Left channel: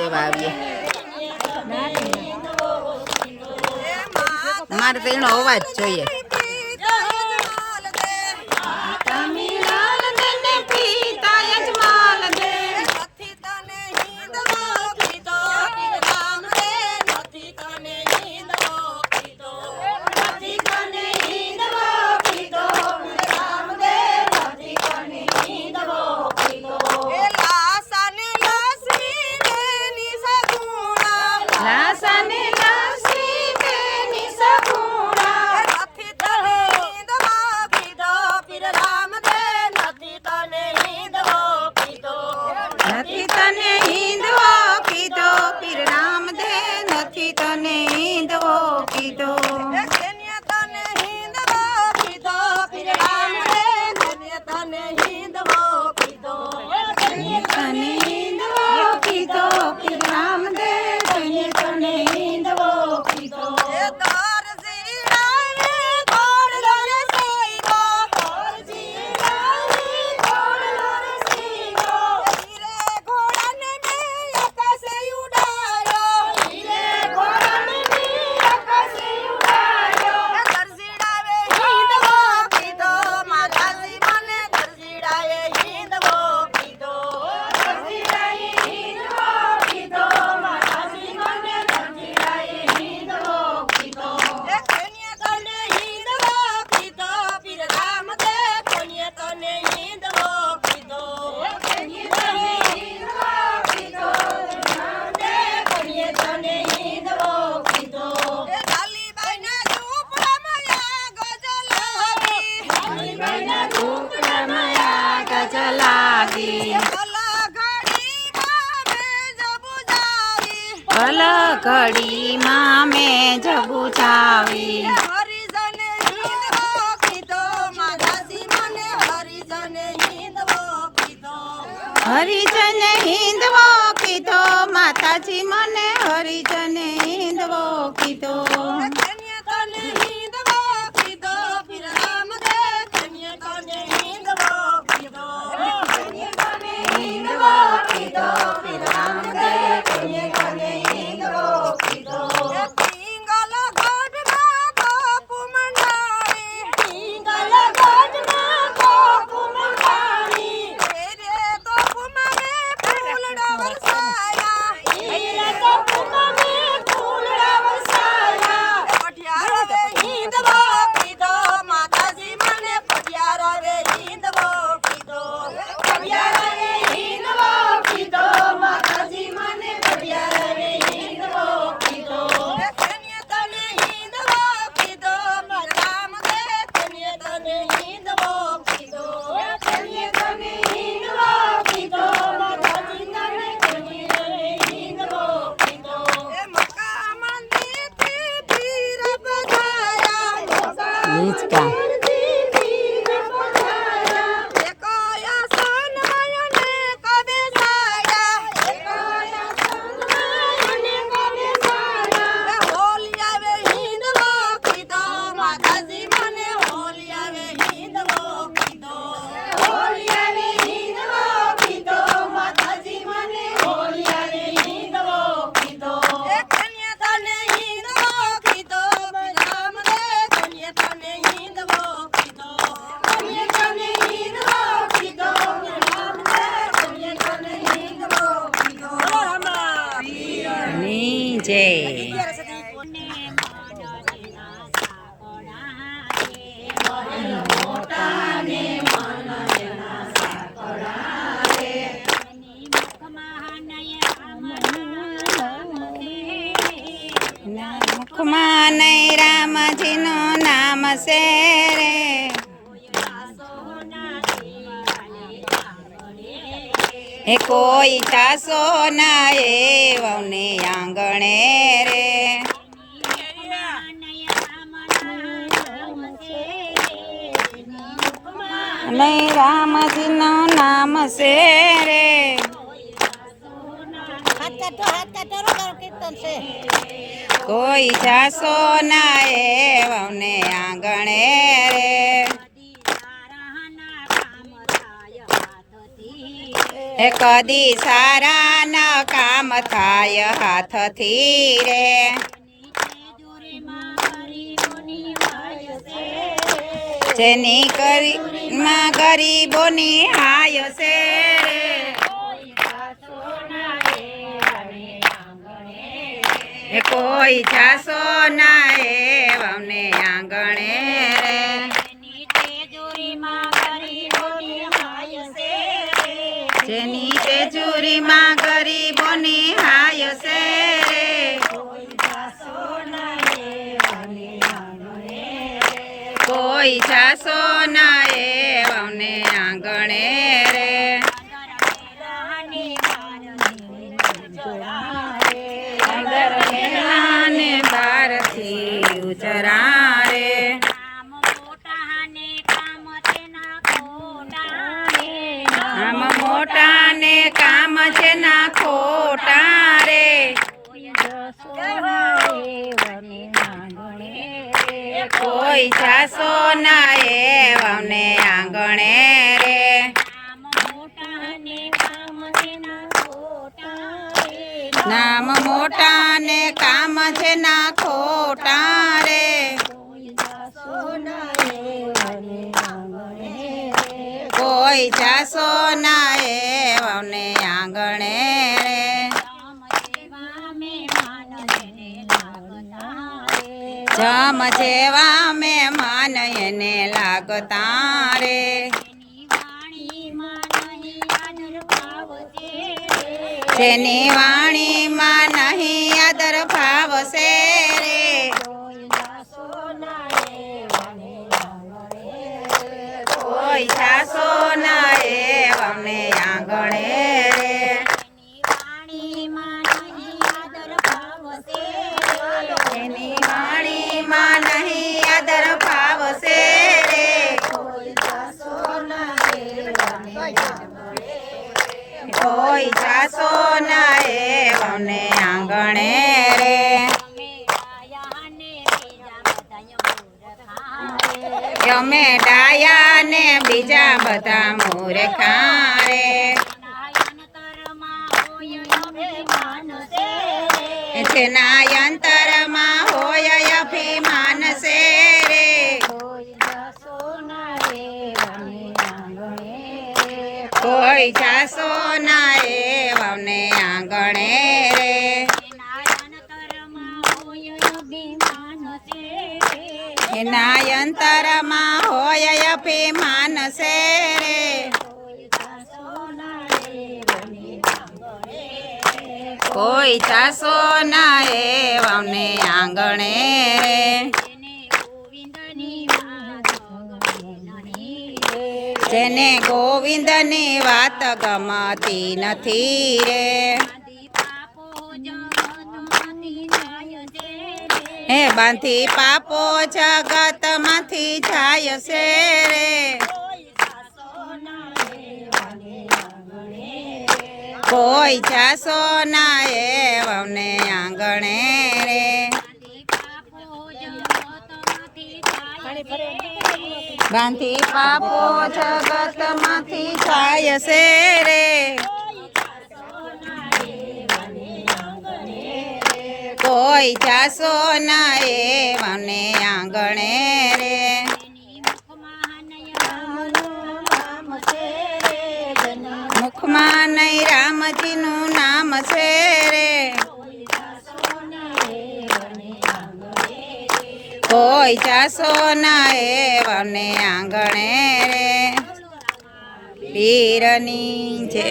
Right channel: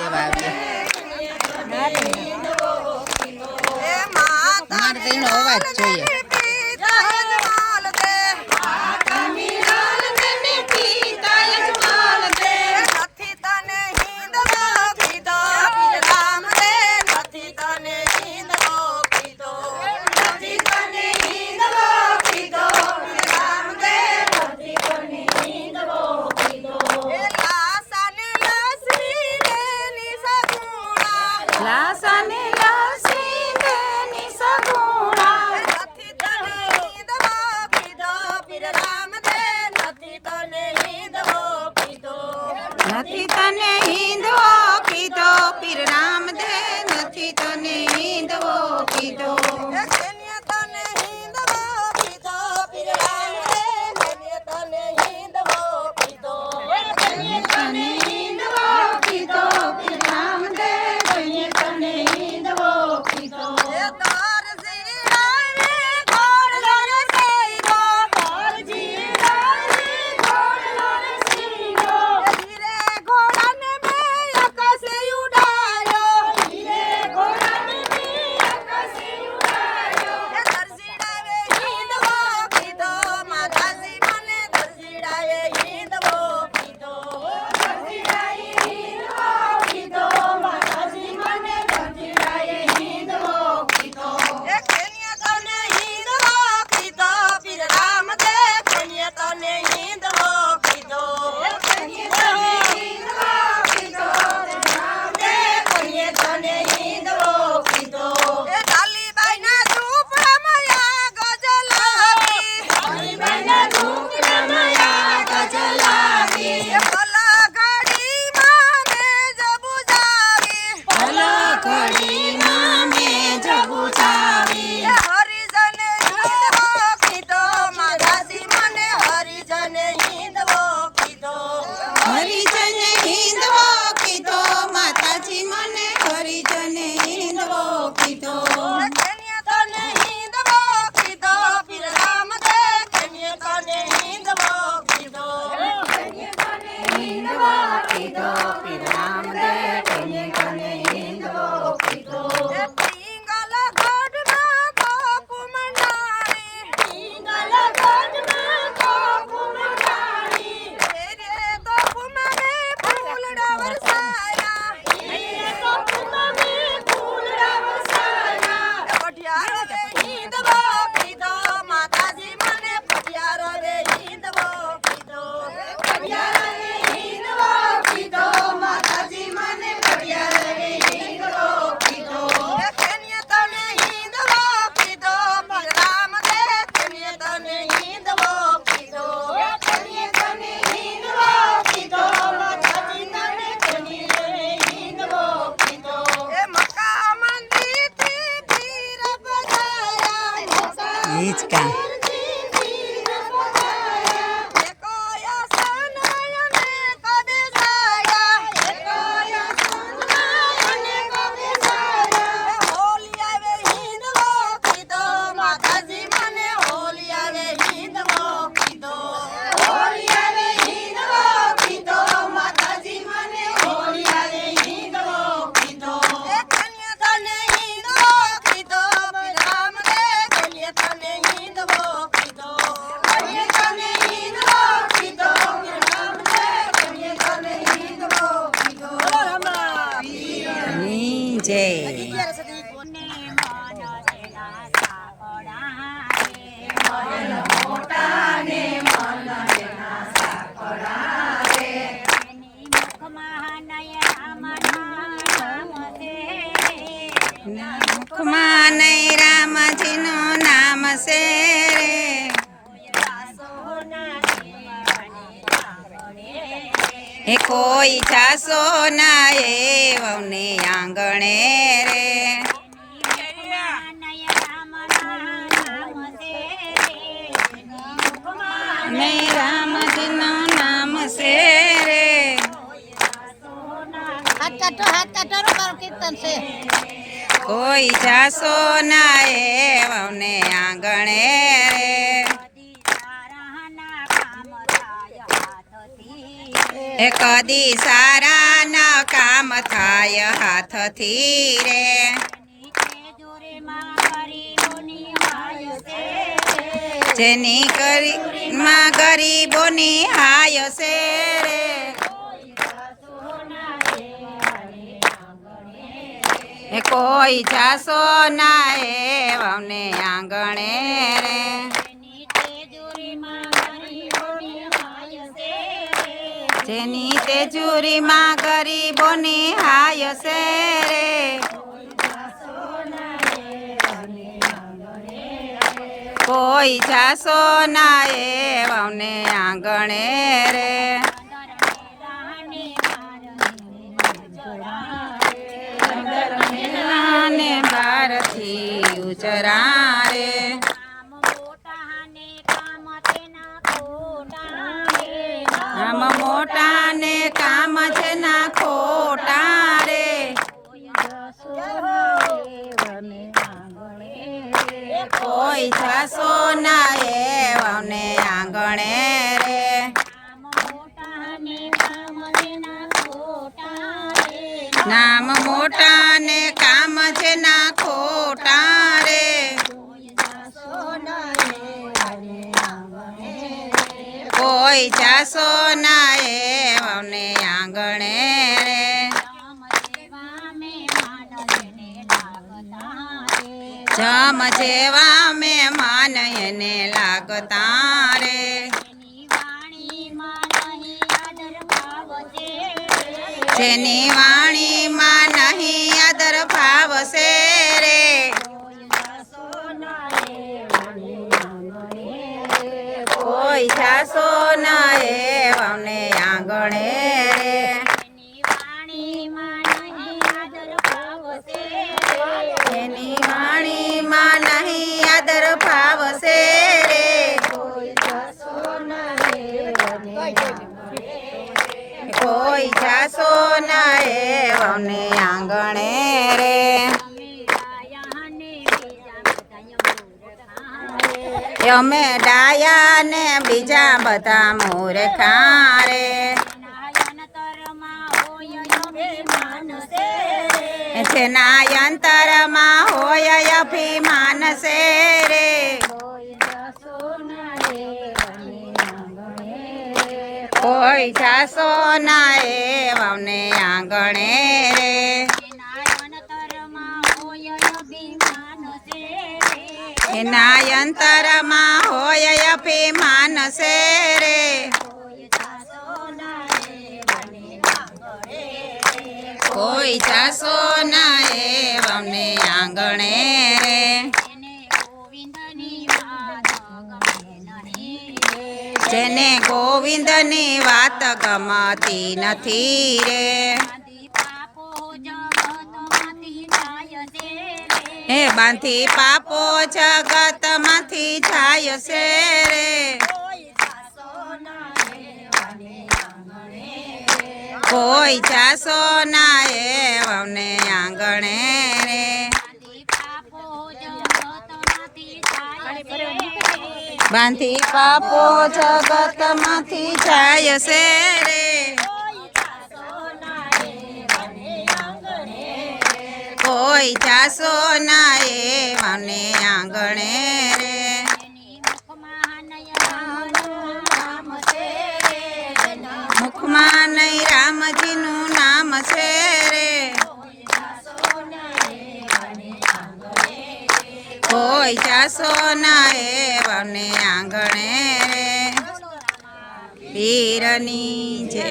દેવા આવીએ. મારે તો એનો અવાજ જોઈએ. ભલ ઘડીમાં મેં જગુચાવી હરિજન હિંદવો કીધો. માતાજી મને હરિજન હિંદવો કીધો. Yeah. મુખમાં નહીં રામજીનું નામ છે. હે કોઈ જાસો ના એવને આંગણે રે. ને રામજીનું નામ છે રે. કોઈ જાસો ના એવને આંગણે રે. એ કદી સારા ન કામ થાય હાથથી રે. જેની કરી માં ગરીબોની હાય છે રે. કોઈ જાસો ના એ આંગણે તેજુરીમાં ગરીબોની હાય છે રે. કોઈ જાસો ના એવને આંગણે રે. અંદર મેલાને બારથી ઉચરા છે ના ખોટા રે. કોઈ જાસો ના એવને આંગણે રે. નામ મોટા ને કામ છે ના ખોટા રે. કોઈ જાસો ના એવને જમ જેવા મહેમાન એને લાગતા રે જેની વાણીમાં કોઈ જાસો ના એવને આંગણે રે. અમે ડાયા ને બીજા બધા મૂર્ખા રે. જેના અંતરમાં હોય અભિમાન છે રે. કોઈ જાસો ના વાવને આંગણે રે. એના અંતરમાં હોય અભિમાન છે રે કોઈ જાસો ના એવને આંગણે રે. જેને ગોવિંદની વાત ગમતી નથી રે. હે બાંધી પાપો જગતમાંથી જાય છે રે. કોઈ જાસો ના એ આંગણે રે. બાંધી પાપો જગતમાંથી જાય છે રે. કોઈ જાસો ના મને આંગણે રે. મુખમાં નહીં રામજીનું નામ છે રે. કોઈ ચાસો ના એવને આંગણે રે. પીરની જય